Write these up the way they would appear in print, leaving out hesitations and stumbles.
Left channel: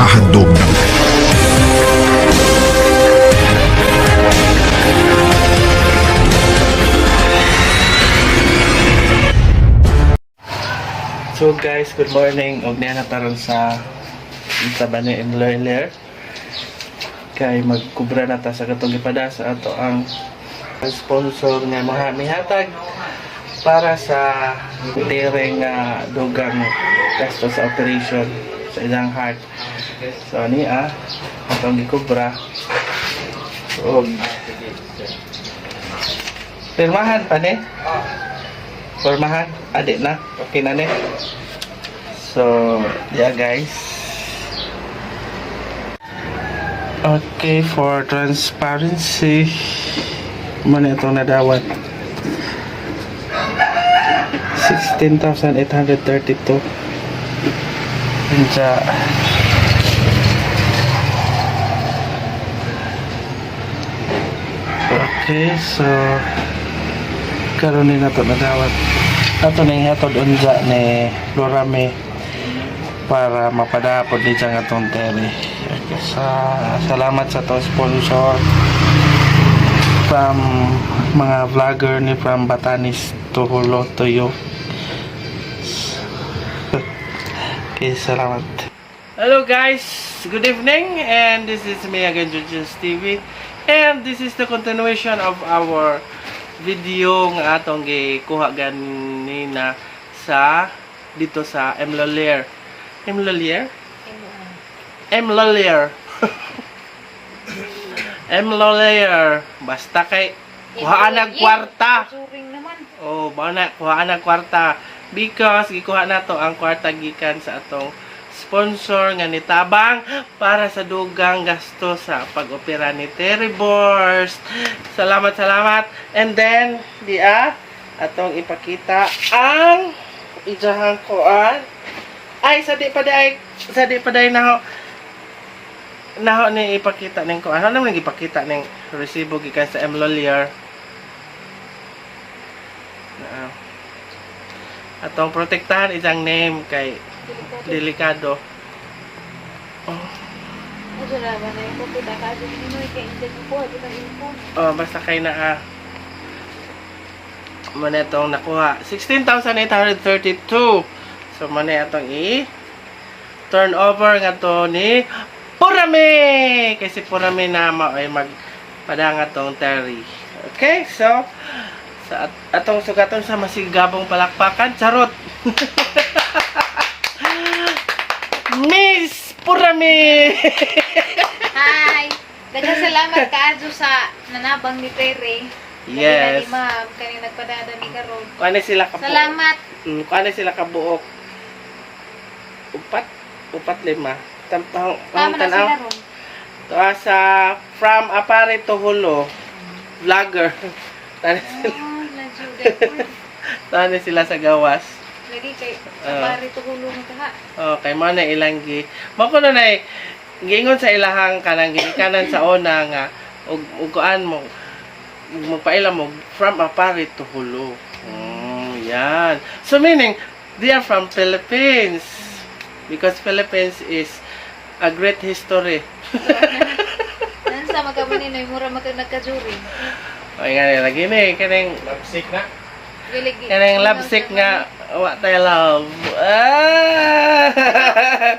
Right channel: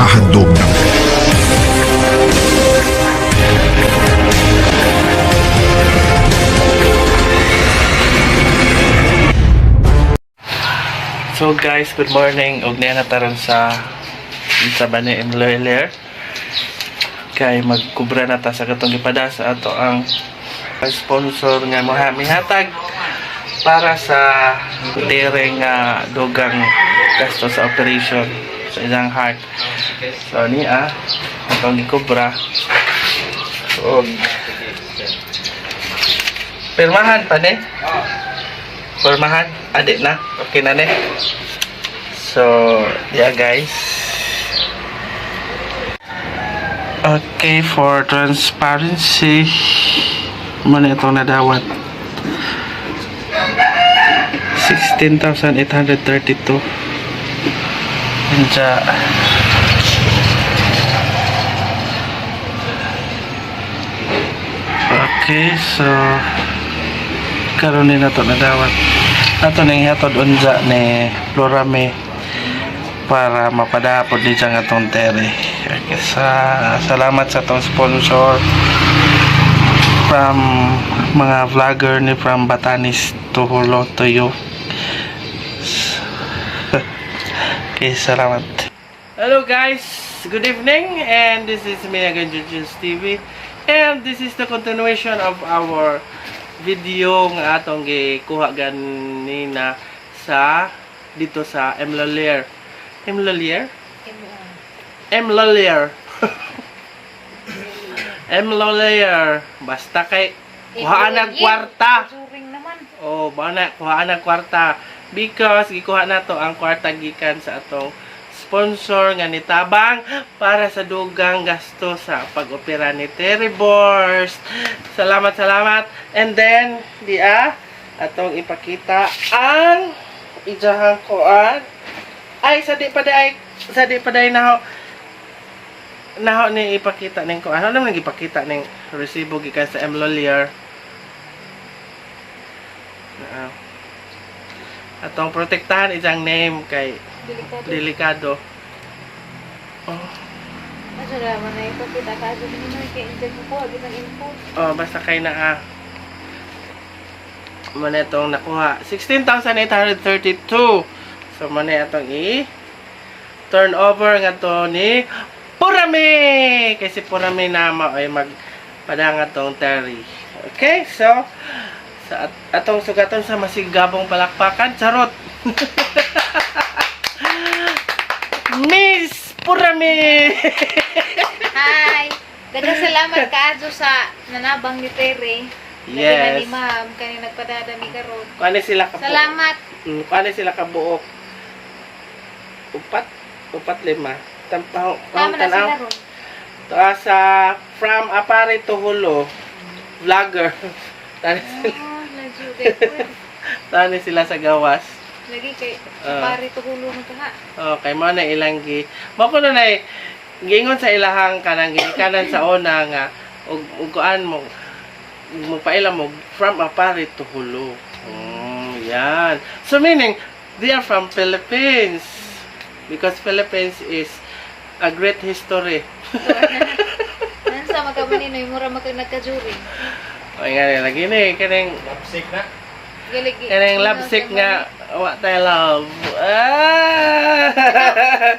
naghahandog ng So guys, good morning. Og niya nataron sa Bani Imloiler. Kay magkubra na ta sa katong gipada sa ato ang sponsor nga mihatag para sa tere nga dugang gasto sa operation sa ilang heart. So niya atong gikubra. Og pirmahan pa ni. Formahan, adik na. Okay na ne. So, yeah guys. Okay, for transparency, muna itong nadawat. 16,832. Anja. Okay, so karon ni nato nadawat ato ning hatod unja ni Florame para mapadapod ni siyang atong tere. Okay, salamat sa atong sponsor from mga vlogger ni from Batanes to Hulo to you. Okay, salamat. Hello guys, good evening, and this is me again, Jujus TV, and this is the continuation of our video nga atong gikuha ganina sa dito sa Imloiler. Imloiler? Imloiler. Imloiler. Basta kay kuhaan ng kwarta. Oh, bana kuhaan ng kwarta because gikuha nato ang kwarta gikan sa atong sponsor nga nitabang para sa dugang gasto sa pag-opera ni Terry Borst. Salamat. And then atong ipakita ang ijahang kuan. Ay sa di pa day naho ni ipakita ning kuan. Ano nang ipakita ning resibo gikan sa Imloiler. Atong protektahan ijang name kay delikado. Oh, basta kay na muna itong nakuha 16,832. So muna itong turn over nga to ni Purame, kasi Purame na ay magpadanga tong Terry. Okay, so sa atong sugaton sa masigabong palakpakan, charot. Miss Purame. Hi. Daghang salamat kaadto sa nanabang ni Tere. Yes. Ni ma'am kay nagpadada mi karon. Kuan sila ka Salamat. Kuan sila ka buok. Upat lima. Tampaw Tama na sila ron. To sa from Apare to Hulo. Vlogger. Tani sila sa gawas. Lagi kay pare to hulo na ta. Okay, mo na ilang gi. Mo kuno na gingon sa ilahang kanang kanan sa una nga ug kuan mo magpaila mo from Apare to Hulo. Oh, yan. So meaning they are from Philippines because Philippines is a great history. Yan sa magkabanin ay mura nagkajuri. Ay nga lagi ni kanang lapsik na. Galigi. Kanang lapsik nga wa tayo love.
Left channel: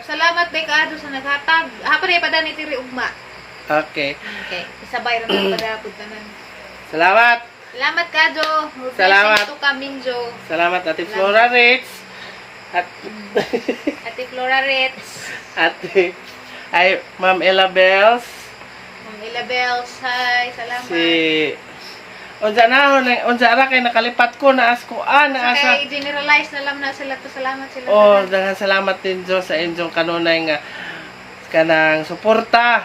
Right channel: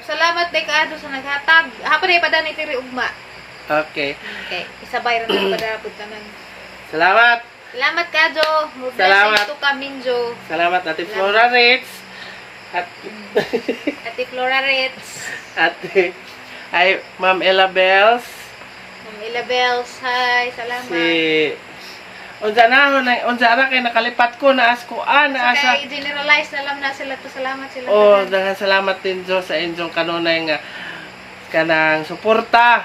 Salamat day kaadto sa naghatag. Hapon ay padani ni Tere ugma. Okay. Okay, isabay ra na padapod tanan. Salamat. Salamat kaadto. Salamat. To Kaminjo. Salamat Ate Flora Rex. At Ate Flora Ritz. Ate ay Ma'am Ella Bells. Ma'am Ilabels. Hi, salamat. Unsa ra kay nakalipat ko na askuan na asa. Okay, generalize na lang na sila to. Salamat sila. Oh, daghang salamat din Jo sa inyong kanunay nga kanang suporta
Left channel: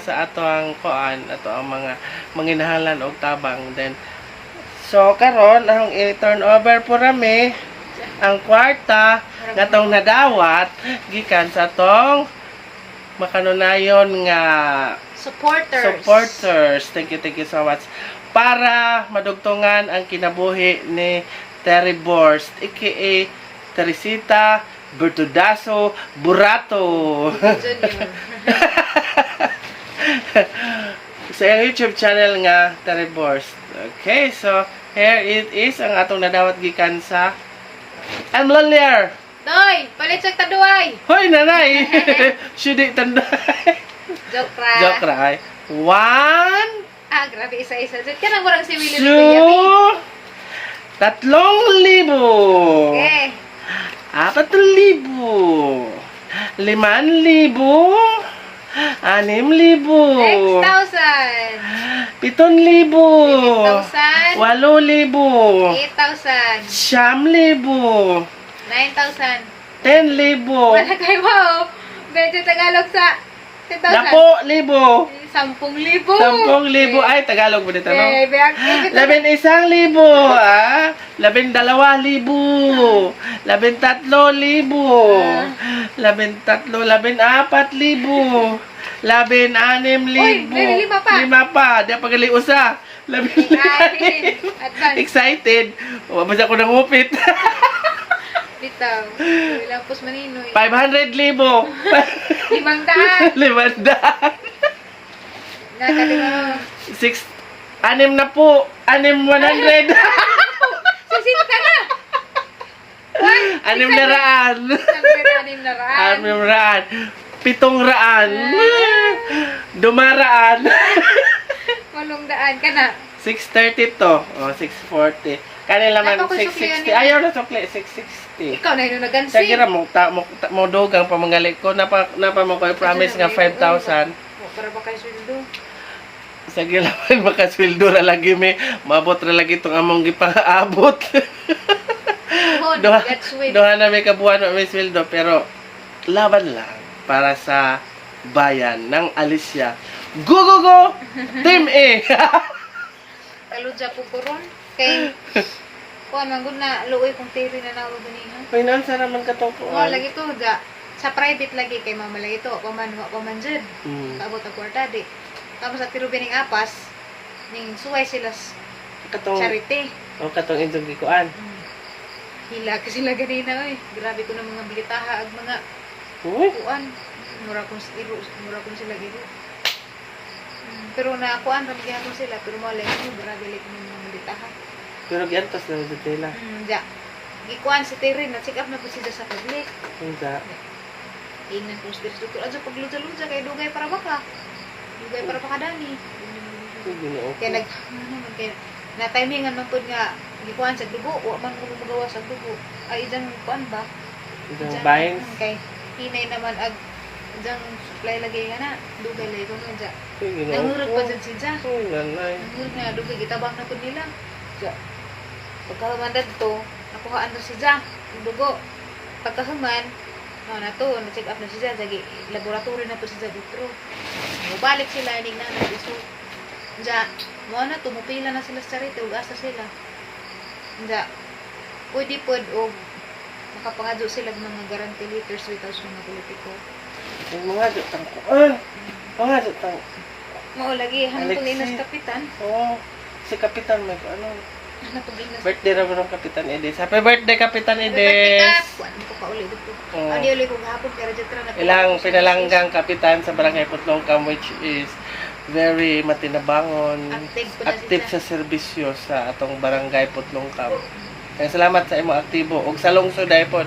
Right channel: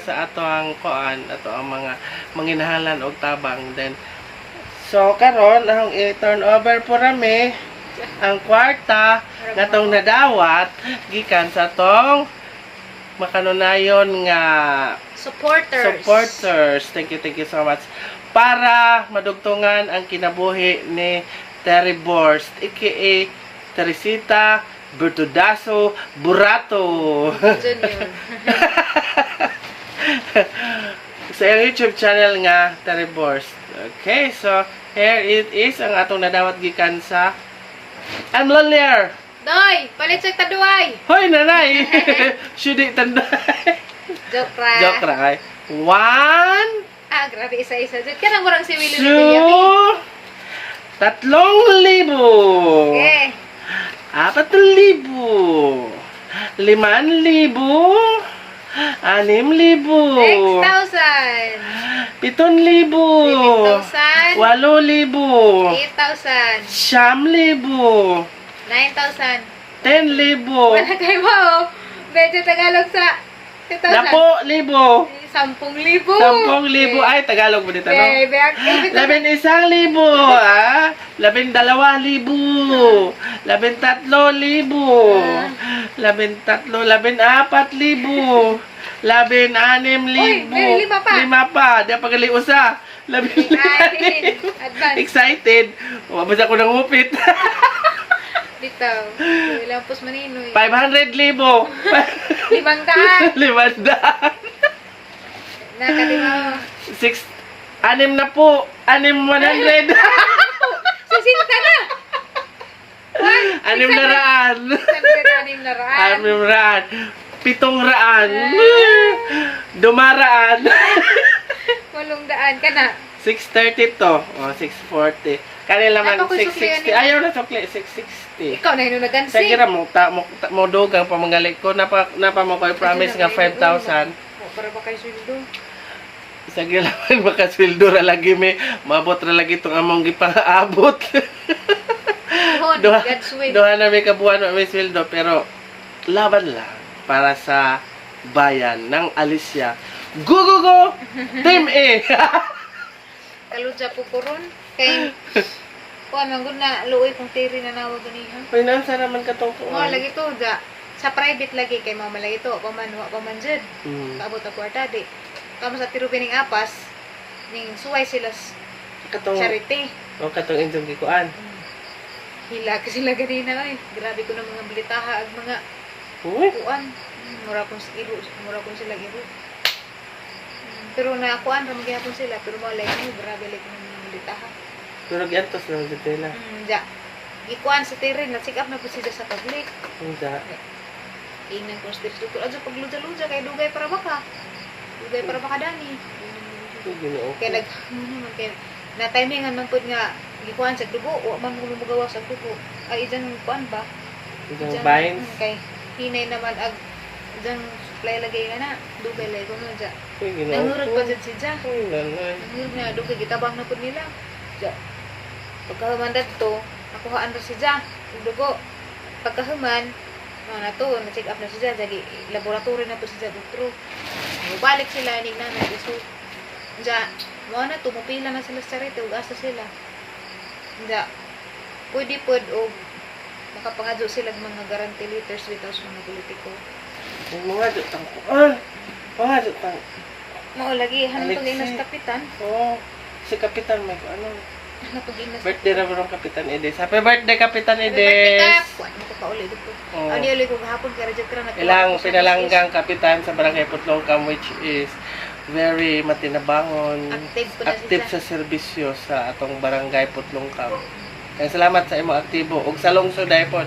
sa ato ang kuan, ato ang mga manginahalan og tabang. Then so karon ang i-turn over po rami ang kwarta gatong nadawat gikan sa tong makanunayon nga supporters. Thank you so much. Para madugtungan ang kinabuhi ni Terry Borst, aka Teresita Bertudaso Burato. Junior. Sa YouTube channel nga Taribors. Okay, so here it is ang atong nadawat gikan sa I'm Lonelier. Doy, palit sa taduay. Hoy nanay. Shudi tanday. Joke ra. Joke ra ay. 1 Ah, grabe, isa-isa. Diyan ka na mo si Willie Two, 3,000. Okay. 4,000. 5,000. 6,000. 6,000. 7,000. 8,000. 8,000. 8,000. 9,000. 9,000. 10,000. Wala kayo mo. Medyo Tagalog sa 10,000. 10,000. 10,000. 10,000. Ay, Tagalog mo dito, no? Eh, 11,000. 12,000. 13,000. 14,000. 16,000. Uy, may lima pa. 5 pa. Di pa gali usa. 15,000. Advance. Excited. O, basta ko nangupit. Dito. Ilang pus maninoy. 500,000. 500. 500. Nakalima. 6 na po. 100. Susinta na. Anim na raan. 600 na raan. 7 raan. Dumaraan. 800 ka na. 630 to. O, 640. Kanila man, Dapat ko sukli 660. yan. Ayaw na sukli, 660. Ikaw na yun nagansi. Sa gira mo, mo dogang pamangalik ko. Napa mo ko'y promise nga 5,000. Para ba kayo sweldo? Sa gira man, makaswildo ra lagi may. Mabot ra lagi itong among gipang-abot. Hon, Doha, God's way. doha na may kabuhan may sweldo. Pero, laban lang para sa bayan ng Alicia. Go, go, go! Team A! Kaludya po ko ron. Kay, kuha man gud na luoy kung tiri na nawag ganihan. Pinansa naman katong Mga kuwan. lagi to, ja. Sa private lagi kay mama lagi to. Paman jud. Hmm. Kaabot ang kwarta di. Tapos sa tirugan ng apas, ning suway sila Katong, charity. o katong inyong gikuan. Hila ka sila ganina oy. Grabe ko ng mga bilitaha ag mga Uy, kuan. Mura kong sila giro. Pero na kuan ra magyapon sila pero mo like mo grabe like ng mga bilitaha. pero giantos na sa tela. Ja. Gikuan si Terry na check up na po sila sa public. Unsa? Tingnan ko spirito ko adto pagluja-luja kay dugay para baka. Dugay para baka dani. Ginoo. Kaya kay na timingan man pud nga gikuan sa dugo wa man mo magawa sa dugo. Ay ijan kuan ba? Isang vines. Kay pinay naman ag ijan supply lagay nga na dugay lay ko nga ja. Ginoo. Nangurot pa jud si ja. Ganay. Nangurot nga dugay gitabang na pud nila. Ja. Pagkahuman dito, nakuhaan na si ja. Yung dugo. Pagkahuman, na to, na-check up na si ja. Jagi laboratory na to si ja. Pero balik sila inig na so ja. Mo na tumupila na sila sa charity ug asa sila. Ja. Pwede pod og makapangadyo sila ng mga guarantee letters without mga politiko. Ang mga jutang kuan. Mga jutang. Mao lagi hanto Alexei. ginas kapitan. Oh, si Kapitan may ano. Hanto ginas. Birthday ra ng Kapitan Edes. Happy birthday Kapitan Birthday ka. Edes. Kuan mo ko pauli dito. Oh. Ani uli ko gahapon kay Radyo Tra na. Ilang pinalanggang kapitan sa Barangay Putlongkam which is very matinabangon, Active po na active siya. sa serbisyo sa atong Barangay Putlongkam. Kaya salamat sa imong aktibo ug sa lungsod daypon.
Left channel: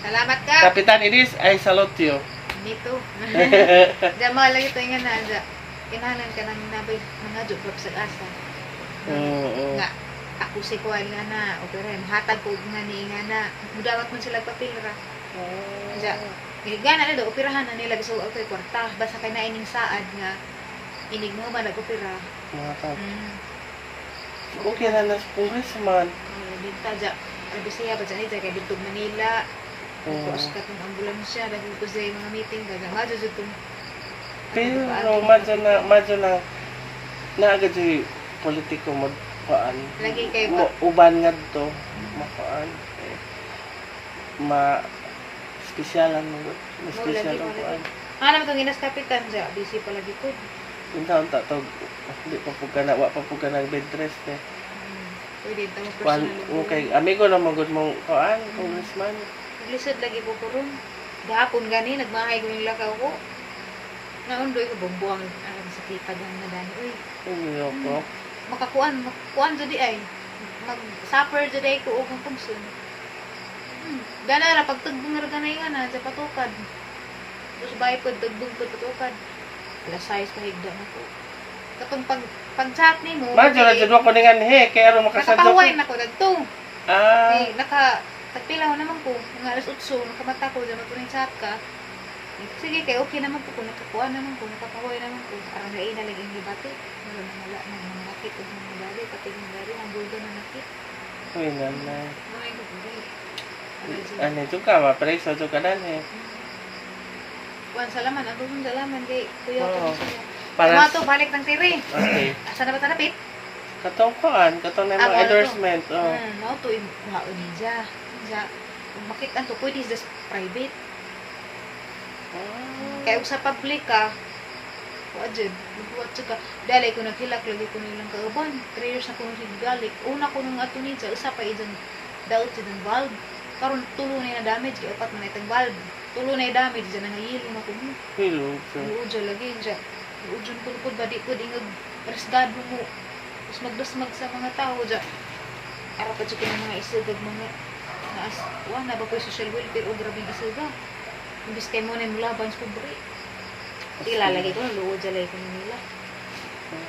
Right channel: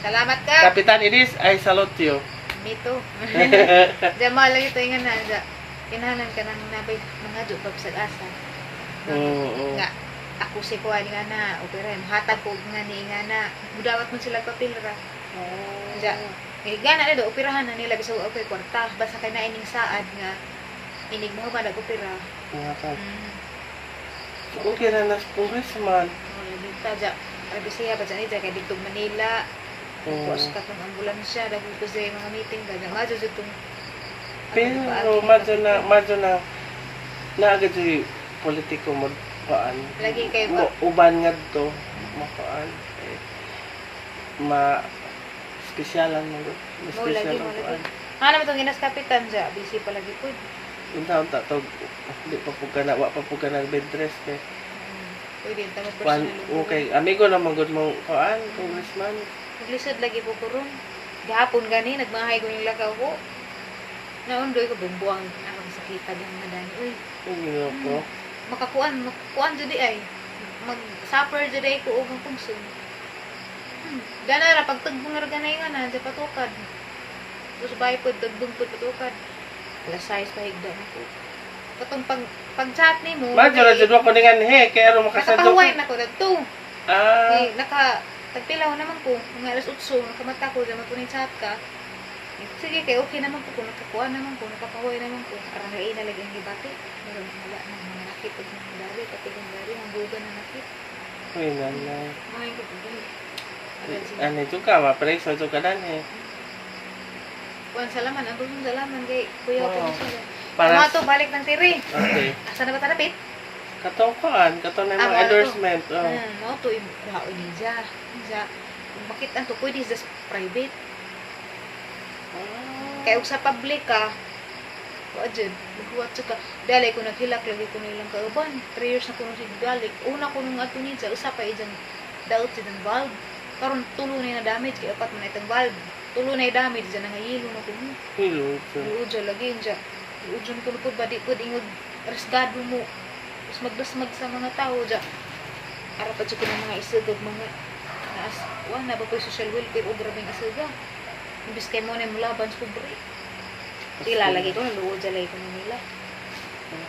Salamat ka. Kapitan Edis, I salute you. Dito. Jamal lagi to nga na ja. Pinahanan ka nang nabay mga jud sa asa. Oo. Nga ako si kuan nga na opera hatag ko nga ni nga na mudawat man sila papilra. Ja. Gana na do operahan na nila gusto okay kwarta basta kay na ining saad nga inig mo ba nag-opera. Mga kap. Okay na nas congressman. Dito ja. Para siya ba dyan kay dito Manila. Tapos katong ambulansya dahil ko sa mga meeting kaya madyo jud tong Pero madyo na agad si politiko mo paan. lagi kay Mo uban nga to mapaan. Ma spesyalan mo gud. Ma special ang paan. ano itong ginas kapitan ja busy pala gid. Yung taon to di pa pug kana wa pa pug kana bed rest Pwede tamo Kuan personal. okay, amigo na mo gud mong paan congressman. lisod lagi ko kuron. Gahapon gani nagmahay ko nila ka ko. Naundoy ko bumbuang ang sakita lang na dani. Uy, Ano ko? makakuan jud ay. Mag-suffer jud ay ko og ang pungson. Gana ra pagtugbong ra ganay nga na sa patukad. Tapos bahay ko tugbong ko patukad. Alas 6 pa higda na ko. Katong pag-chat ni mo. Ba, dyan mo ko ningan he, kaya rin makasadyo Nakapahuway na ko dagto. Ah, Tagpilaw naman ko. Mga alas 8, nakamata ko, dyan mo ni chat ka. Sige, kay okay naman ko. Kung nakakuha naman ko, nakapahuway naman ko. Parang nain na lagi yung debate. Wala na wala na mga nakit o mga dali. Kapag yung dali, ang buga na nakit. uy, nanay. Mga ito, Ano yung ka, mapreso yung ka dan he. Kuan salaman, ang gustong salaman kay kuya ko Oo. na siya. Para, Mga to, balik ng tiri. okay. Asa na ba tanapit? Katong kuan, katong na Ah, mga wala to. endorsement. Oh. Mao to, kuhaon ni siya. Siya, makita to, pwede is just private. Kaya og sa public ka, wajud, magbuhat ka. Dalay ko naghilak, lagi ko nilang kauban. 3 years na ko nung higdalik. Una ko nung ato niya, usa pa iyan, daot siya ng valve. Karon tulo na damage, kaya apat na itong valve. Tulo na damage, dyan nangayilo na ko niya. Hello, sir. Uudyo lagi siya. Uudyo ko lupod, badi ko ingog resgado mo. Tapos magbasmag sa mga tao dyan. Para pa dyan ng mga isugag mga naas. Wah, naba po yung social welfare o grabing isuga. Imbis kay mo na nulaban sa kubri. Ilalagay ko, naluod dyan lagi ko na nila.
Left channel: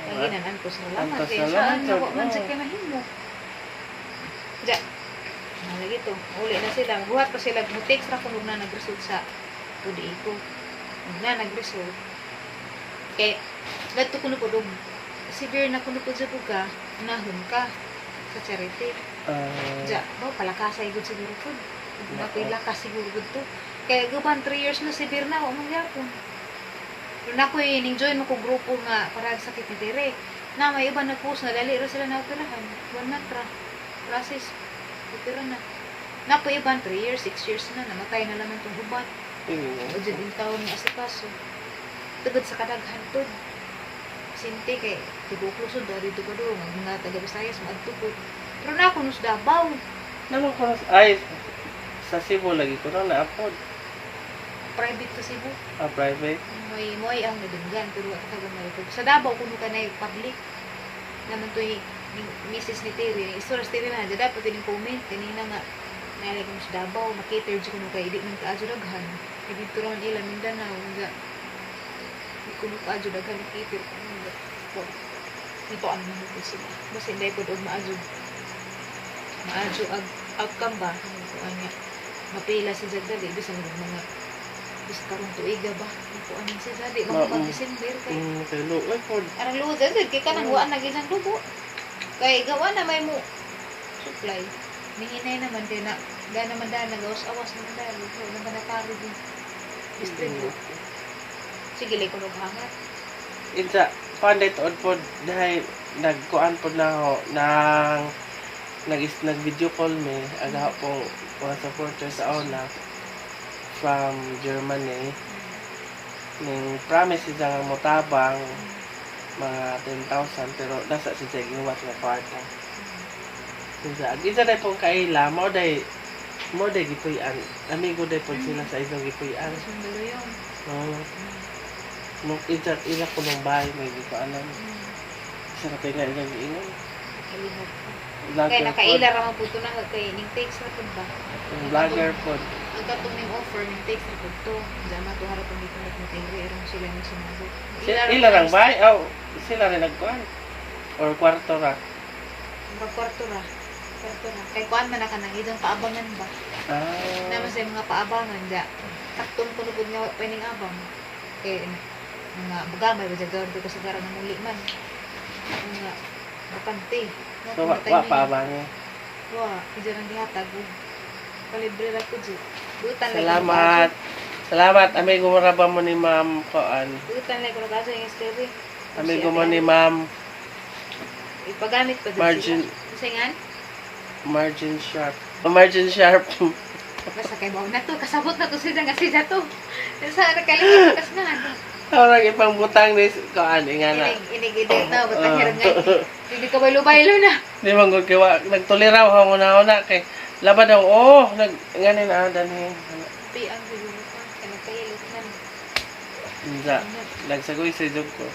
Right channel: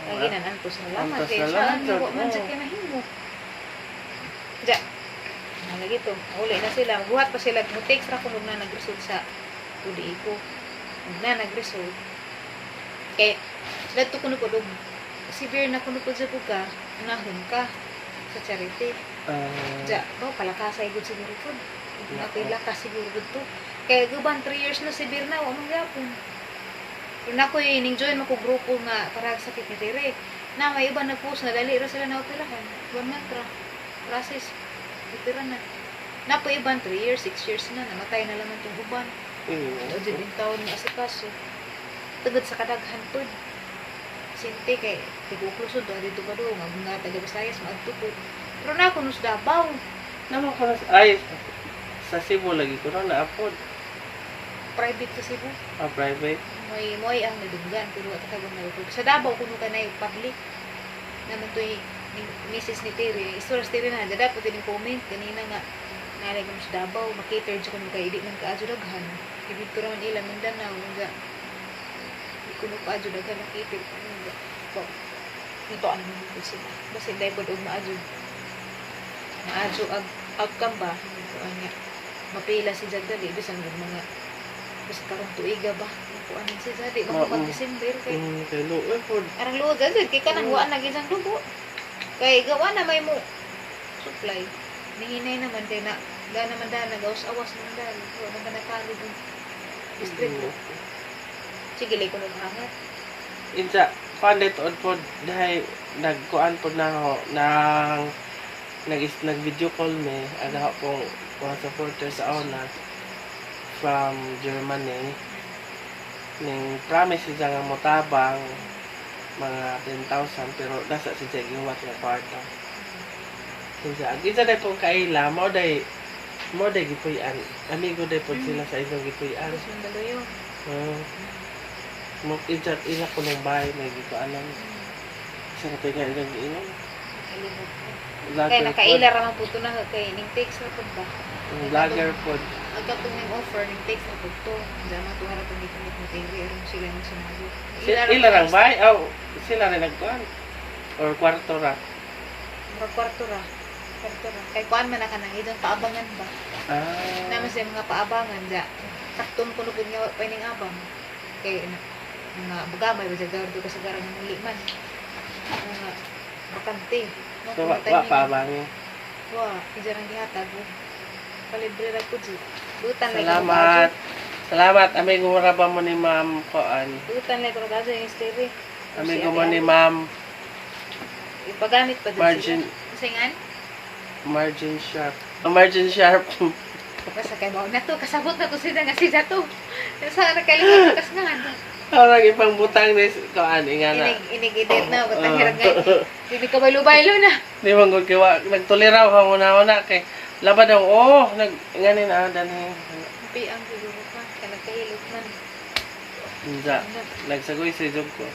Lagi na naan ko sa laman. Antos Kaya na saan lang, nawa sir. man sa kinahin mo. Dyan. Nalagi to. Uli na sila. Buhat pa sila. Mag-text na kung na nag-result sa UDA ko. Na nag-result. Kaya, dito ko po doon. Severe na kung po sa buka, nahon ka sa charity. Diya, palakasay good siguro ko. Mapilakas siguro good to. Kaya guban 3 years na severe na, wala mong yapon. Pero na ko yung enjoy mo ko grupo nga para sakit ni Tere. Na may iba nag-post na dali ra sila na operahan. Buwan na tra. Process. Opera na. Na ko iban 3 years, 6 years na. Namatay na lang itong guban. O dyan yung taon ni asikaso. Tugod sa kadaghan po. Sinte kay tibuklusod ba dito ka doon. Mag na taga-Visayas, mag-tukod. Pero na ako nus Davao. Ano ko na, ay, sa Cebu lagi ko na na-upload. Private sa Cebu. Private. May ang nabinggan. Pero at tagang narito. Sa Davao kuno ka na yung public. Naman to yung Mrs. ni Terry. Istoras Terry na. Dada po tining comment. Kanina nga. Nalagay mo sa Davao. Makita yung kung kaidi ng kaadyo-daghan. Dito naman ilang Mindanao. Nga. Kuno kaadyo-daghan nakita. Ito ang mga gusto. Basta dahil po doon maadyo. Maadyo outcome ba? Ito ang nga. Mapila si Jagdali. Bisa mga bisa karong tuiga ba? Ito ang si Jagdali. Mga pag-December kayo. Kaya luwan po. Arang luwag agad, kaya ka nang huwaan lagi isang dugo. Kaya gawa na may mo supply. Nihinay naman din na, dahil naman dahil nag-awas-awas naman dahil. So, nang kanatali din. Distribute. Sige, like ko naghangat. Insa, panday tuod po, dahil nagkuan po na ako, nag-video call me, aga po, mga supporters sa ona, from Germany. Ning promise siya nga motabang, mga 10,000 pero nasa si Jay iwat nga kwarta. Isa dahil pong kaila, mo dahil gipuyan. Amigo dahil po sila sa isang gipuyan. Sundalo yun. Mo isa ila ko ng bahay na hindi ko alam. Sa katay nga ilang iinom. Kalimot ko. Kaya Vlogger po. nakaila raman po ito na kaya yung takes na po ba? Vlogger po. Ang katong yung offer, yung takes na po ito. Diyan na ito harap ang dito nag-matili. Erang sila na sumagot. Ila lang bahay? Oh, sila rin nagkuhan. Or kwarto ra. Kwarto ra. Kay kuan man na ka nang idong paabangan ba? Naman sa mga paabangan da. Sakton ko lugod nga pa ning abang. Kay mga bagamay ba jagawin ko sa garang ng liman. Mga bakante. So, wa pa ba mo? Wa, iyan ang dihatag. Palibre ra ko di. Butan lang. Salamat. Salamat. Amigo mo ra ba mo ni Ma'am Koan? Butan lang ko kaso yung story. Amigo mo ni Ma'am Ipagamit pa din Margin. sila. Isingan? Margin Sharp. Margin Sharp. Basta kay mao na to, kasabot na to sila nga sila to. Sa nakalimutan kas nga. Parang ipang butang ni Koan. Ingana. Inigidit na, batang hirap nga. Hindi ka baylo-baylo na. Di man gud kiwa nagtuliraw ha una kay Laban daw, oh, nganin dani. Happy ang siguro ka. Kanang kawilit man. Hindi, nagsagoy sa job ko.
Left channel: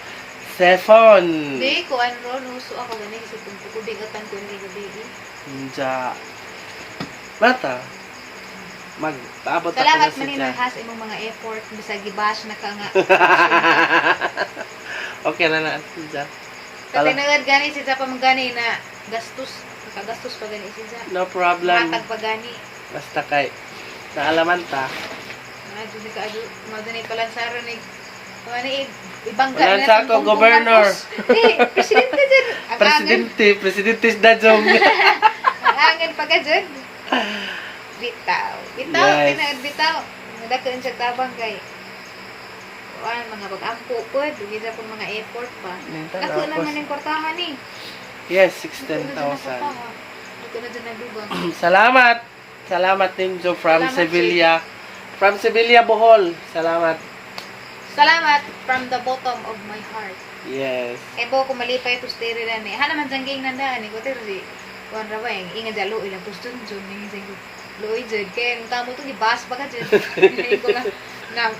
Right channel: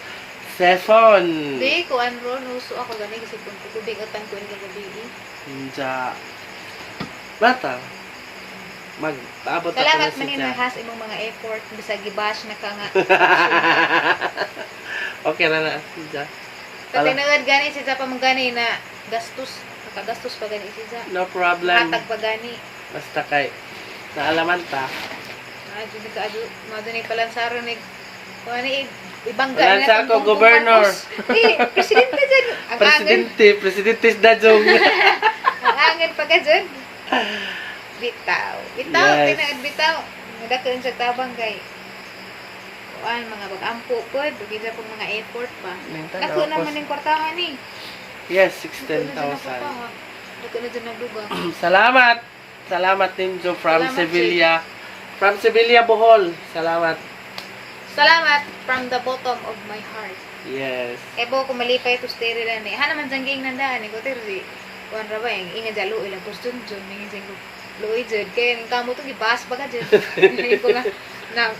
Cellphone. Hindi ko ano, nuso ako gani kasi kung tutubig at tangko hindi gabi. Hindi. Bata. Mag-abot ako Salamat na man siya. has imong mga effort bisag gibash na ka nga. Okay na na siya. Sa tinawad gani siya pa gani na gastos. Nakagastos pa gani siya. No problem. Matag pa gani. Basta kay naalaman ta. Dili ka adu, madani palansaro ni ni ibangga Wala sa ako, governor. Presidente dyan. Ang angin. Presidente na jong. Ang angin pa ka dyan. Bitaw. Bitaw. Yes. Bitaw. Nadakuin sa tabang kay. Kuan mga bag-ampo po. Bugida po mga effort pa. Kasi naman yung kwartahan eh. Yes, Ito 16,000. na dyan nadugang. Salamat. Salamat Nimjo from Salamat, Sevilla. From Sevilla, Bohol. Salamat. Salamat from the bottom of my heart. Yes. Ebo ko malipay to stay rin ni. Ha naman jangging nandaan ni ko tiri. Kuan ra ba yung inga jalo ilang gusto jud ning jeng luoy jud kay ning kamo to gibas ba ka jud. Hindi ko na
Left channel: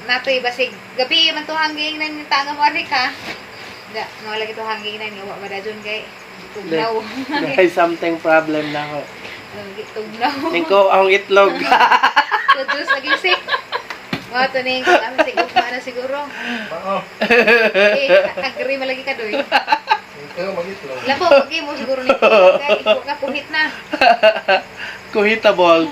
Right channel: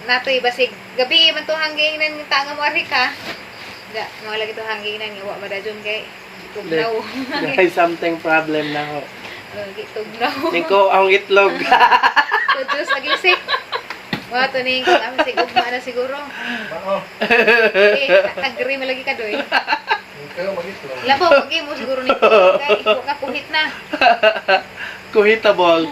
natoy basig gabi man to hanging nang tanga mo ari ka. Da mo lagi to hanging nang wa ba dajon kay tugnaw. May something problem na ho. Tugnaw. Niko ang itlog. Tudus lagi sik. Wa to ning kami sig ugma na siguro. Mao. Agree malagi ka doy. Ikaw mag-itlog. Labo, okay mo siguro nito. Kaya ikaw nga kuhit na. Kuhitable.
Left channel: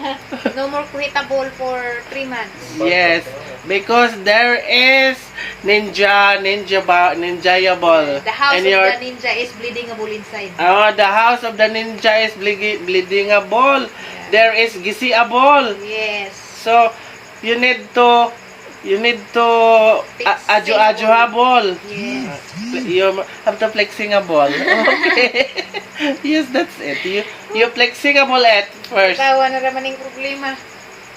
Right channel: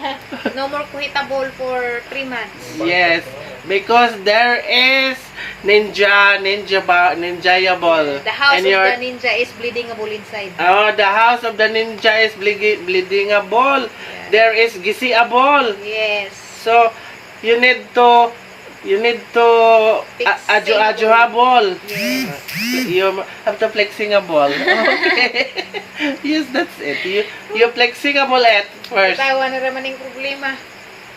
No more kuhitable for 3 months. Yes. Because there is ninjayable. The house And of your the ninja is bleedingable inside. oh, the house of the ninja is bleedingable. There is gisiable. Yes. So you need to adjo-adjoable. Yes. You have to flexingable. Okay. Yes, that's it. You flexingable at first. Tawa na raman yung problema.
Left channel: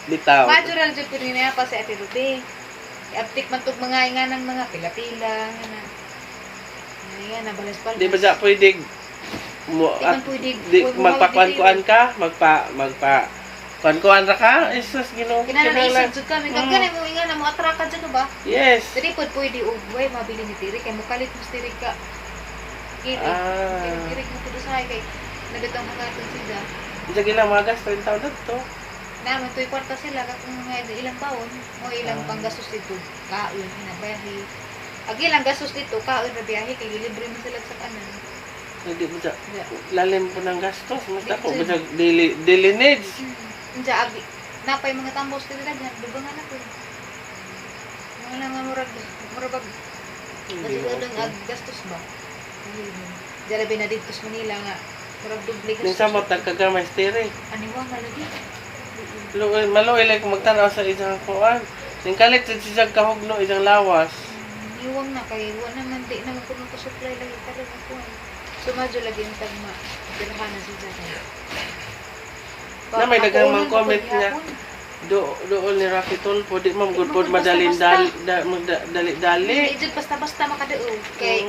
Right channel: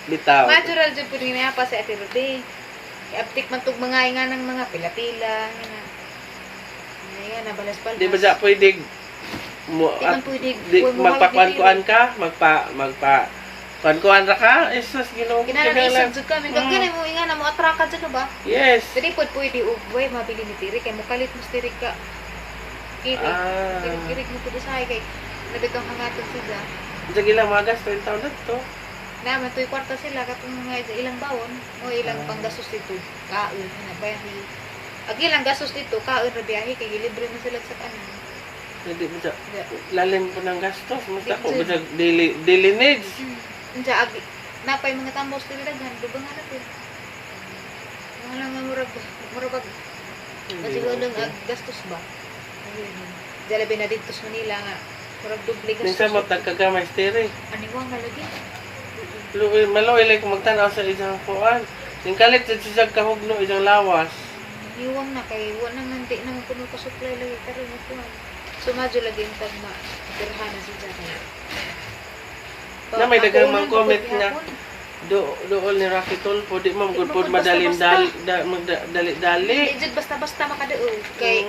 Bitaw. Natural dyan pero niya pa sa Ate Rudy. Aptik man tug mga nga ng mga pila-pila. Ayan, nabalas-balas. Di ba siya pwede mo Di man pwede. magpakuan-kuan ka? Kuan-kuan ra ka? Jesus, Ginoo. Kinalaisod jud kami. Ganyan mo nga na mo atraka dyan ba? Yes. Jadi pwede ugway mabili ni Tiri kay mukalit mo Tiri ka. Kiri. Kiri mo pud sa kay nabitang hangaton siya. Sige lang, mga gas, 30 taon na to. Na matoy kwarta sila katong mga ilang bawon o ilang panggastos dito. Kaon na biyahe. Ag ilang gastos dito kaon ra biyahe kay libre mo sila sa kanon. Hindi mo siya, lalim po ng gastos. Mas ako, bisa daily needs. Unsa abi napay mga tambos dili daghan dugangan na pud. Wala nga murag kasi wala ag gastos ba. Jalabi na dito sa Manila nga murag duble gastos. Minsan mo tagkagamay stiri. Ano wa malagi? Maloy like magtanaw sa isang kuan. Yung kalit sa kahugno isang lawas. Iwang na kay wala man di na kuno ka supply lagi pa rin ako. Sumadyo lagi yung tagma. Pirhan na siya kay. Na may dagang mang comment nga doon ni Rafi Tulfo di mo good pod madalin dali. Di basta-basta makadao kay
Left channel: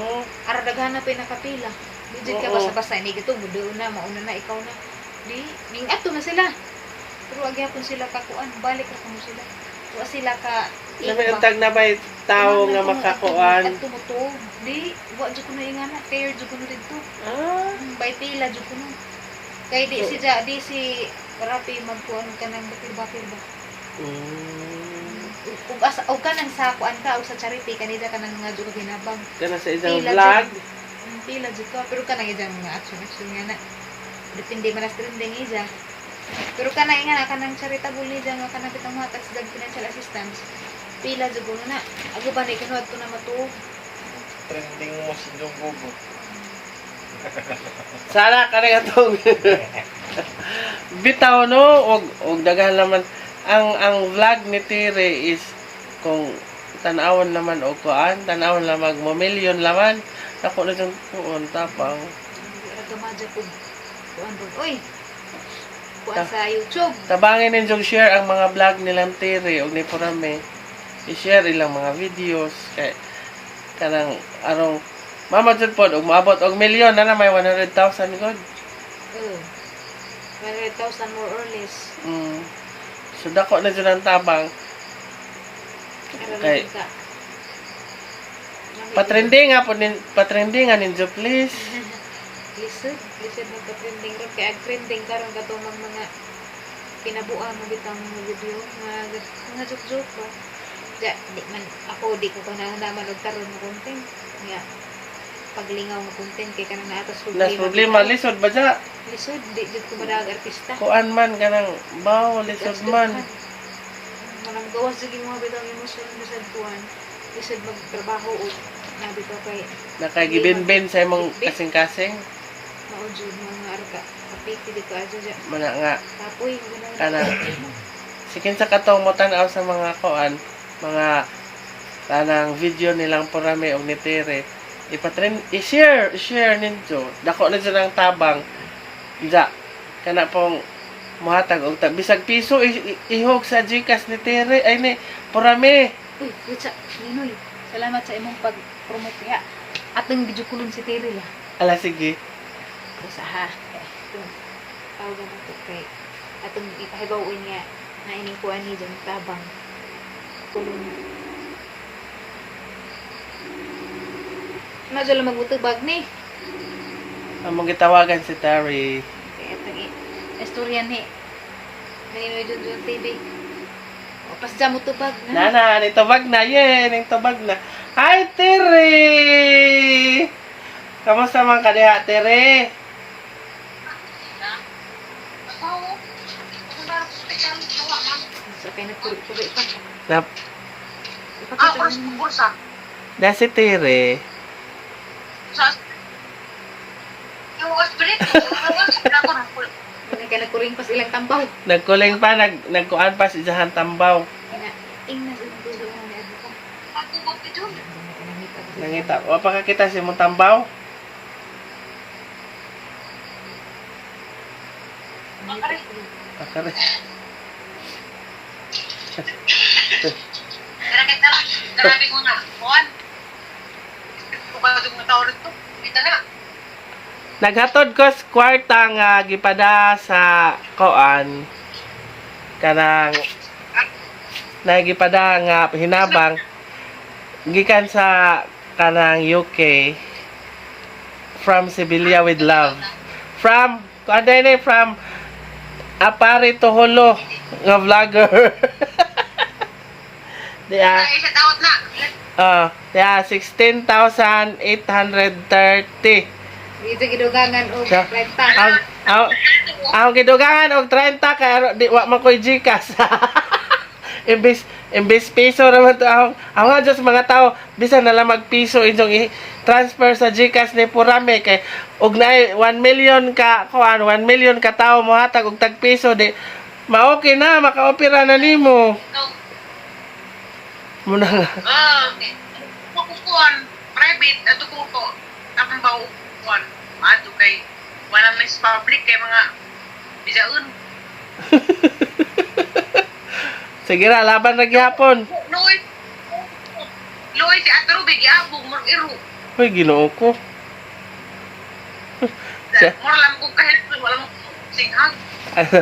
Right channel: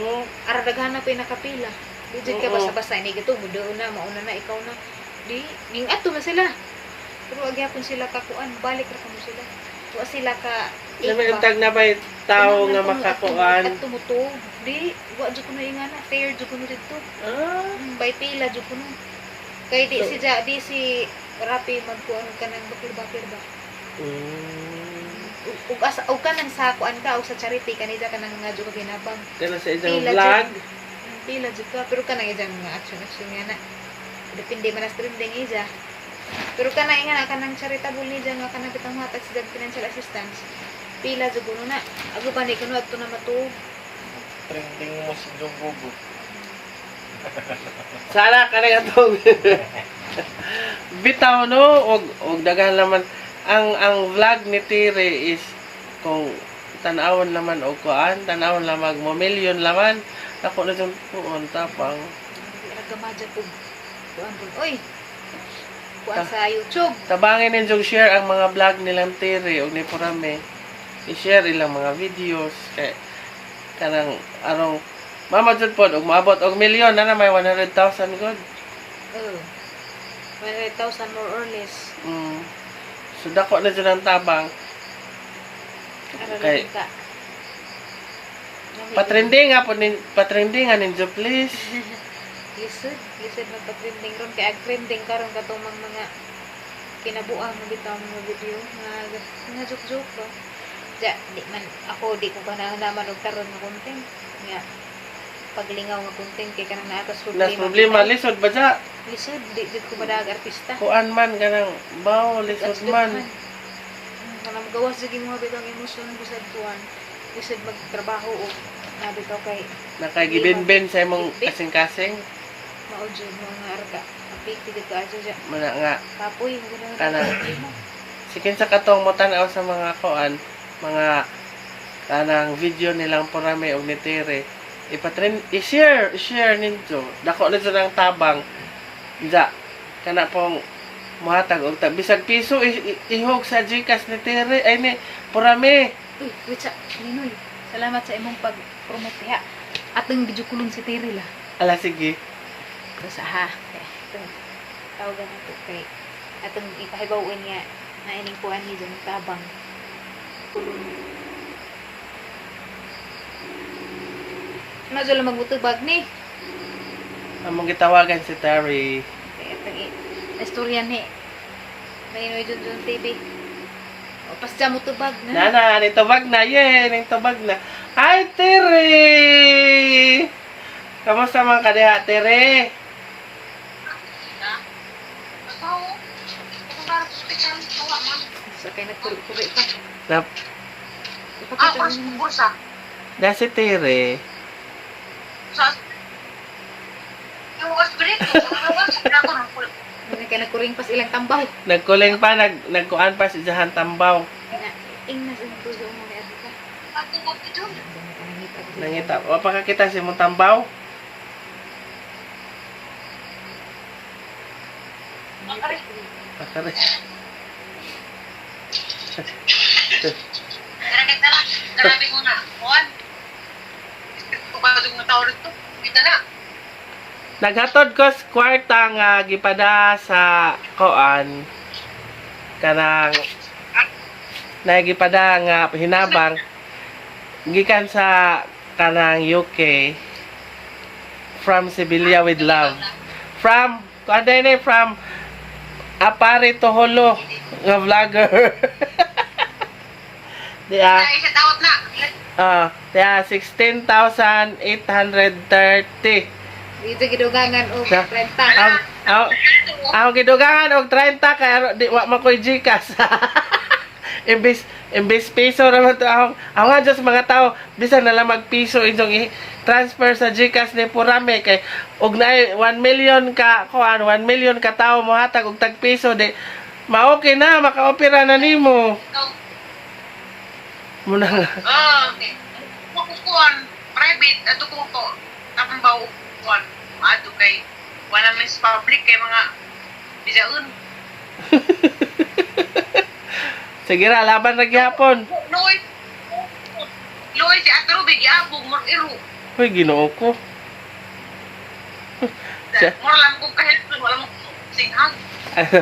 ara daghan na pinakapila. Di jud ka basta-basta ini gito doon na mauna na ikaw na. Di ning ato na sila. Pero agyapon sila kakuan balik ra kamo sila. Wa sila ka Sabi ang tag na ba'y tao nga makakuan. At tumuto. Di wa jud ko na ingana fair jud ko na dito. Bay pila jud ko na. Kay di si Rapi magkuan ka ng bakir ba. Ug ka nang sakuan ka o sa charity kanida ka nang nga duro ginabang. Kana sa isang Pila vlog. Pila jud ka pero ka nang ijang mga action nga na. Depende man sa trending ija. Pero ka na nga ka nang charitable ni nga ka nang bitang hatag sa financial assistance. Pila jud kuno na. Ago pa ni kuno adto na matuog. Trending mo si Jogogo. Sana kanang atong bitaw no og daghan naman ang vlog ni Tire is kung tan-awon naman og kuan, tan-awon lang magmo-million laman. Ako na jud kuan tapang. Agamaja ko. Kuan po. Oy. Kuan sa YouTube. Tabangin ninyong share ang mga vlog nilang Tire og ni Porame. I-share ilang mga videos kay kanang arong mamad jud pod og maabot og milyon na may 100,000 god. 100,000 more or less. So dako na dyan ang tabang. Okay. Ka. Patrending nga po, patrending nga ninyo please. Lisod magpa-trending ron. Kaya trending karon katong mga pinabuan mo bitaw mga video nga joke ko. Ja, di man ako di ko naman og karon nga content. Nga paglingaw nga content kay kanang naatas Problema lisod ba dya? Lisod di ko madag artista. Kuan man kanang baw lisod man. Kanang gawas sige mga bitang emosyon nga sa tuwan. Lisod magtrabaho o nabi ko kay Nakagibin-bin sa imong kasing-kasing. maudyo mga arta. Apiti dito aja ja. Mga nga. Kapoy gano'n. Kana. Sikin sa katong mo tanaw sa mga kuan, mga kanang video nilang Purame og ni Tere. I-share ninyo. Dako na silang tabang. Dya. Kana pong muhatag og bisag piso ihog sa Gcash ni Tere ay ni Purame. Uy, Ritsa, Ninoy. Salamat sa imong pag-promote ha. Atong video kulon si Terry la. Ala sige. Isa ha. Tawagan nato kay atong ipahibawin nga na ining kuan ni dyan tabang. Kulon. Ano dyan lang magutubag ni? Among gitawagan si Terry. Kaya tagi. Istorya ni. Ninoy dyan TV. O pas dyan mo tubag na. Nana, nitubag na. Nitubag na. Hi, Tere! Kamusta man ka diha, Tere? So, kaya nagkulit-kulit pa. Nap, Bursa. na si Tere. Yung spirit ko, ako ng pul. Kaya nagkuring pas ilang tambaw. Nagkuling pa, nagkuan pa si Jahan Tambaw. Tingnan sa tulo nga ni Adita. Patubog ito. Nangita. O pa kakita si mong Tambaw? Akari. Kaya lang, grabe ko na. Juan. Kung ba itong tao rito, kita na. Naghatod ko sa kwarta nga gipada sa koan. Kanang nagipada nga hinabang gikan sa kanang UK from Sibilia with love. From Apari Toholo nga vlogger. Diya. Kaya isa taot na. Diya 16,830. Dito gidugangan o Sa- renta. Ang gidugangan og 30 kay di wa man koy Gcash. Imbis piso naman to ako nga just mga tao bisan na lang magpiso inyong transfer sa Gcash ni Purame kay og naay 1 million ka kuan 1 million ka tawo mo hatag og tag piso di ma-okay na maka-opera na nimo. Muna nga. Okay. Kukuan, private, ato ko ko. Tapang ba kukuan. Maado kay, walang miss public kay mga bisaun. Sige na, laban na gyapon. Loy, si Atro, bigyan, mong iru. Hoy, ginoo ko. Mura lang kong kahit, walang singhag. Aja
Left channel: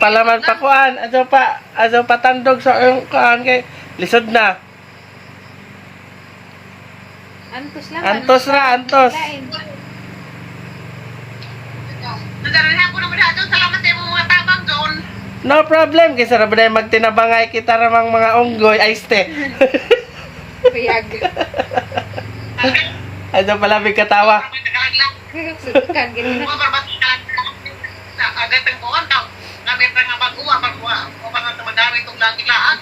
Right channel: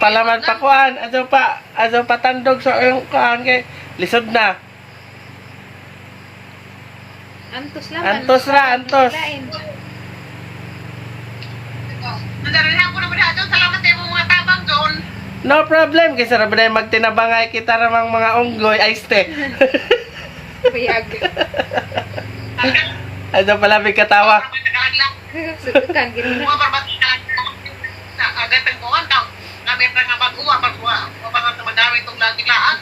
palaman pa kuan, aja pa tandog sa yung kuan kay lisod na. Antos lang. Antos ra, antos. Nandarahan ko naman natin, salamat tayo mga tabang doon. No problem, kaysa na ba na magtinabangay kita ramang mga unggoy, ay ste. Payag. Aja pala may katawa. Sudukan, ganyan na. Mga barbati na agad ang buwan daw. Kami pa nga pag-uwa, mga madaming itong dakilaan.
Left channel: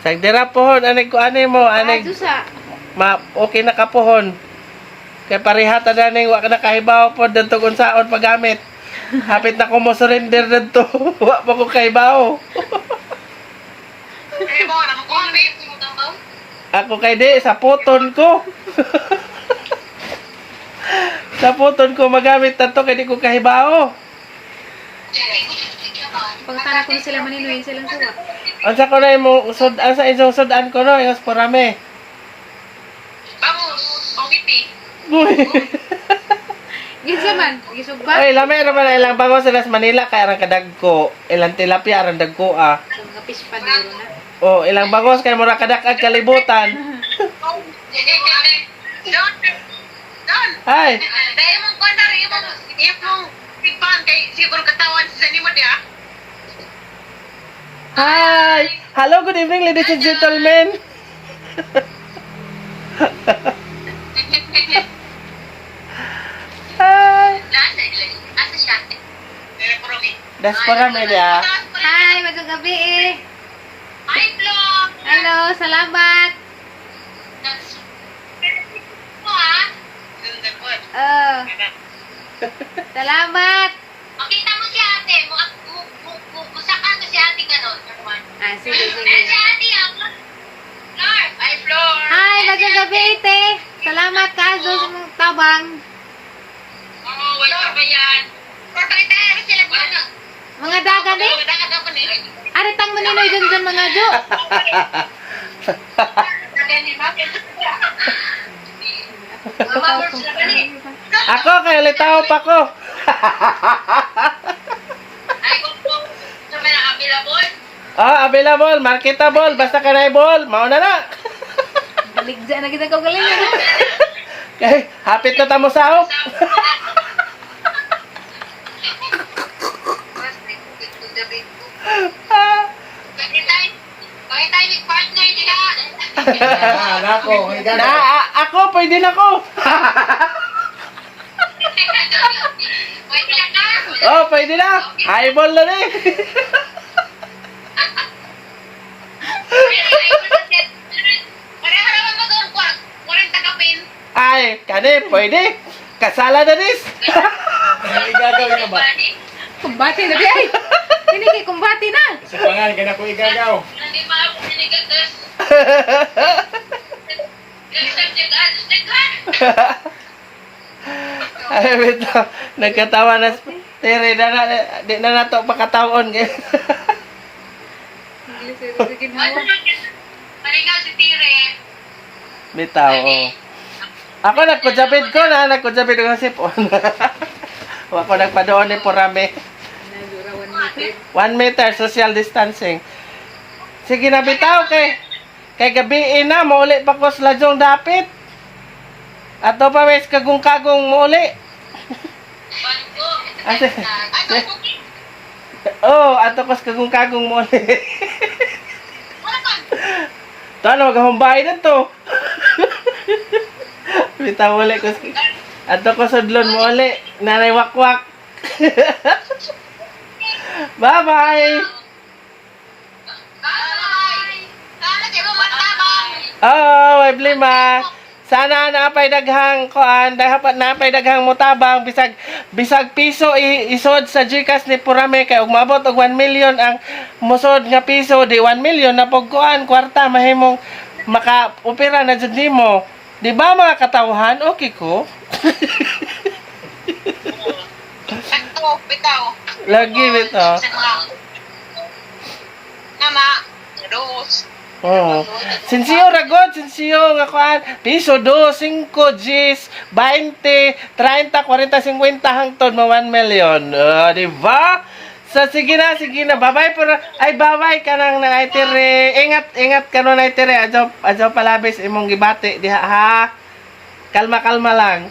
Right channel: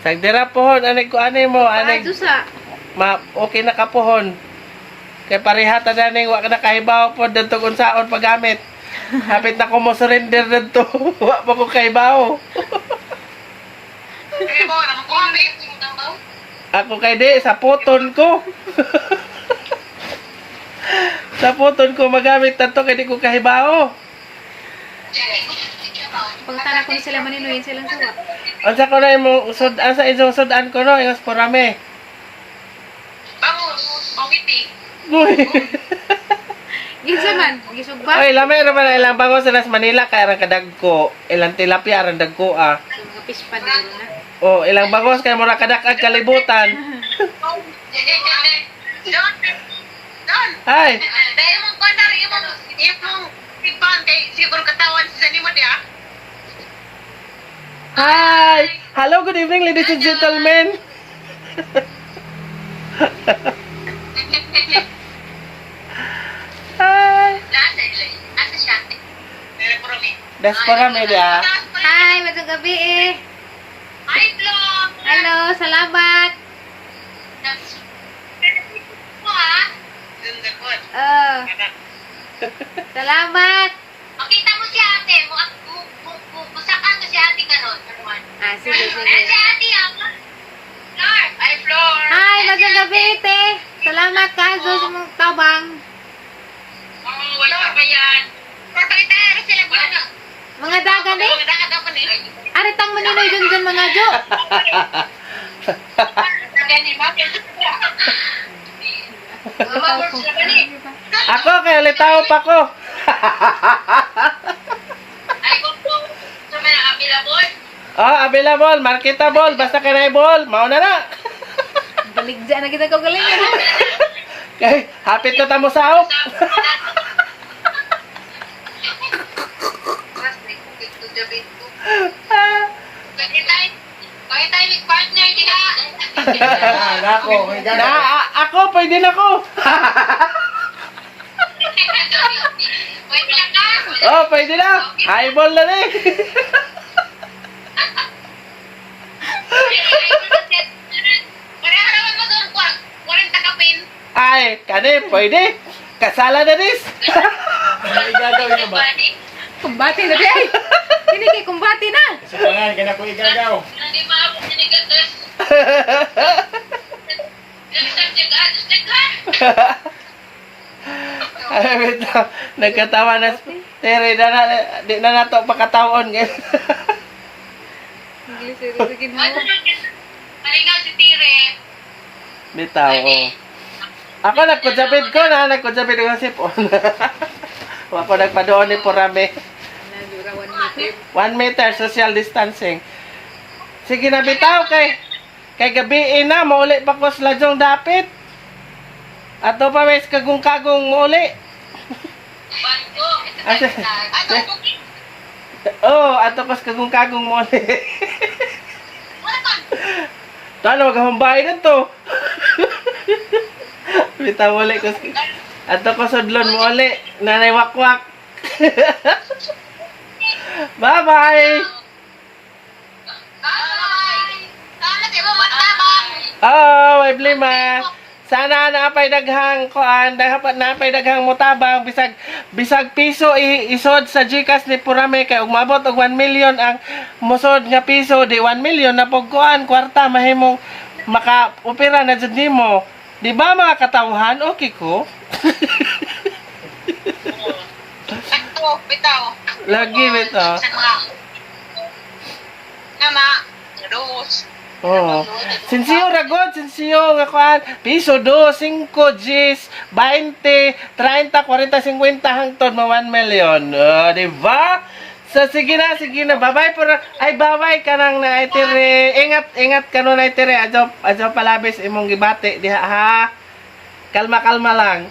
Sagdira pohon, anig ko anay mo, anig, Ato sa. okay na ka pohon. Kaya parihata na ning wa ka na kahibaw po, dito kung saon paggamit. Hapit na ko mo surrender dito. Wa pa ko kahibaw. Kaya mo, naman ko kami, pinutang daw. Ako kay di, sa puton ko. Sa puton ko magamit na to, kaya di ko kahibaw. Pagkatana ko na sila maninuhin silang sawa. Ansa ko na yung sa isang sudan ko no, yung Purame. Bango, bongiti. Uy. Ginsa man, gisugba. Ay, lamay naman ang ilang bangos sa Manila kaya arang kadagko. Ilang tilapia arang dagko ah. So, mga pispan dito na. Oh, ilang bangos kay mura kadakad kalibutan. Don! Ay, Dahil mong kwanari, imong tigpan kay siguro katawan sa nimo dia. hi. Hello, good evening ladies and gentlemen. Hi. Asa siya? Diaspora media. Hi, magandang gabi eh. Hi, vlog! Hello, salamat. Mo ha? Ganda po. Salamat. Makita mo si ate, musakan ko si ate karon. Ah, sige, Eh, sige. si ate ang Flor! Hi, Flor! Hi, magandang gabi ite. Salamat ka sa mong tabang. Oo, wala pa yan. Flor, pakita rin sila gano'n. Mga dagan eh. Mga dagat ako ni. Aritang maninoy dyan mga jo. Gani, bakit? Mama, Flor, sila gani. Ako kay litaw pa ko. Ay, kung po, sa mga available. Oh, available, marketable, basta kanay-ball, mao na na. Baligja na kita ko galing. Kay hapit ka tamo sa Pakita yung partner nila. Nako, may gana. Ako, pwede na ko. Pwede lang ka. Oh, pwede na. Highball na rin. Pareho naman mo doon, 40 kapin. Ay, kani, pwede. Kasala na ris. May igagawin mo ba? Kumbati na di ay. Hindi kay kumbati na. Sa pangalan, gana ko igagaw. Hindi maabot sinigatas. Ay, wait lang. Nagkatawa na. Tere, di na nato pakataon. English sige na. Palingaw si Tire. Bitaw, oh. Ako nagkudsapid ko na, nagkudsapid ko ng sipon. Ako nagpadoon ni Purame. Nagurawan ni 1 meter social distancing. Sige na bitaw kay gabi na mauli pa ko sa ladyong dapit. Ato pa mes kagong-kagong mauli. Bango. Ate. Ano, cookie? Oh, ato ko sa kagong-kagong mauli. Wala ka. Tano maghumbay na to. Bitaw uli ko. Ato ko sudlon mauli. Nanay wakwak. Bye-bye. Bye. Sana di mo matabang. Oh, may blima. Sana napay daghang kuan, dapat napay daghang mutabang bisag piso isod sa GCash ni Purame kay ug maabot og 1 million ang musod nga piso di 1 million na pog kuan kwarta mahimong maka-opera na jud nimo. Di ba mga katawhan? Okay ko. Sakto, bitaw. Lagi bito. Sa mga Nama, dos. Oh. Sinsiyo ragod, sinsiyo nga kuan. Piso 2, 5, 10, 20, 30, 40, 50 hangtod mo 1 million. Di ba? So sige na. Bye-bye po. Ay bye-bye ka nang na itire. Ingat ka no na itire. Adyo palabis imong gibati diha ha. Kalma lang.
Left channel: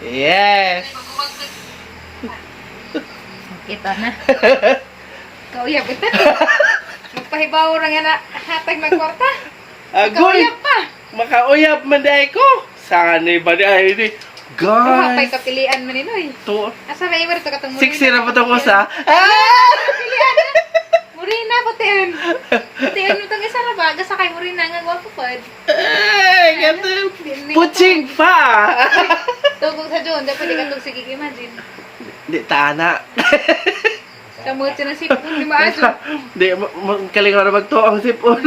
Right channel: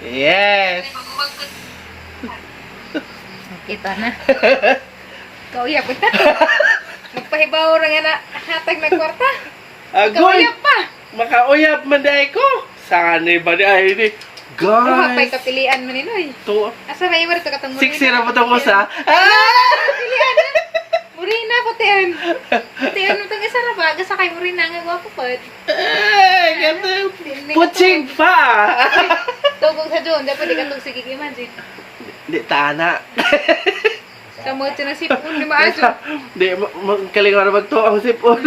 Yes. Kita na. Kauyap ita. Magpahibaw ra nga na hatag na kwarta. Agoy. Kauyap pa. Makauyap man day ko. Saan ba day ni? Hapay Guys. kapilian mo ninoy. To. Asa may ibar to katong Siksi ra ba to ko sa? Ah! Murina po tiyan. Tiyan mo itong isa na ba? Gasa kay Murina nga gwapo pa. Ay, ganun. Putsing pa. Tugong sa John, dapat di ka itong sige imagine. Di tana. Kamot siya ng sipon, di maaso. Di kalingon na magto ang sipon.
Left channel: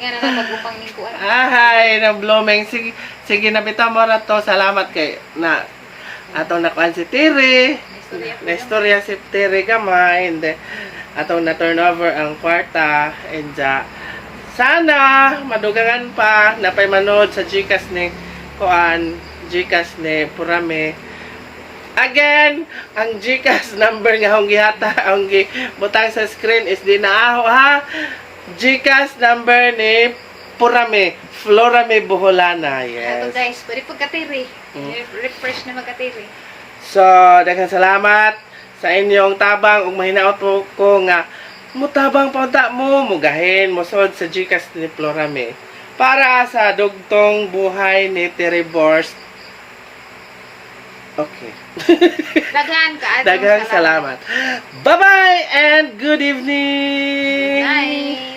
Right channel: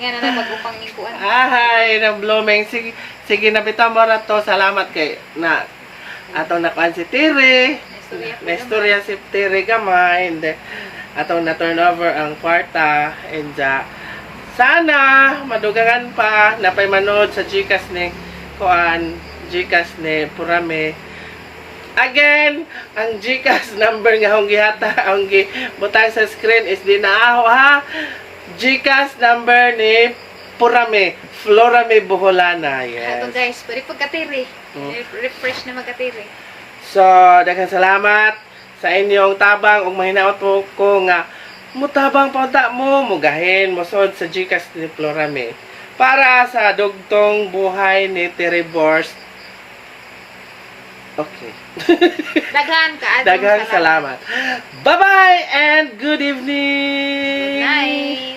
Nga na lang mag-upang ni Kuan. Ahay, na blooming. Sige na bitaw mo ra to. Salamat kay na atong nakuan si Tiri. Nestorya si Tiri gamay. Hindi. Atong na turnover ang kwarta. And sana madugangan pa napay manood sa GCash ni Kuan, GCash ni Purame. Again, ang GCash number nga akong gihata, ang butang sa screen is dinaaho ha. GCash number ni Purame, Florame Buholana. Ato Yes. guys, pwede pagkatiri. Refresh na magkatiri. So, daghang salamat sa inyong tabang ug mahinaot po ko nga mutabang paunta mo mugahin mosod sa GCash ni Florame para sa dugtong buhay ni Teribors. Okay. Daghan ka. Daghang salamat. Bye-bye and good evening. Night.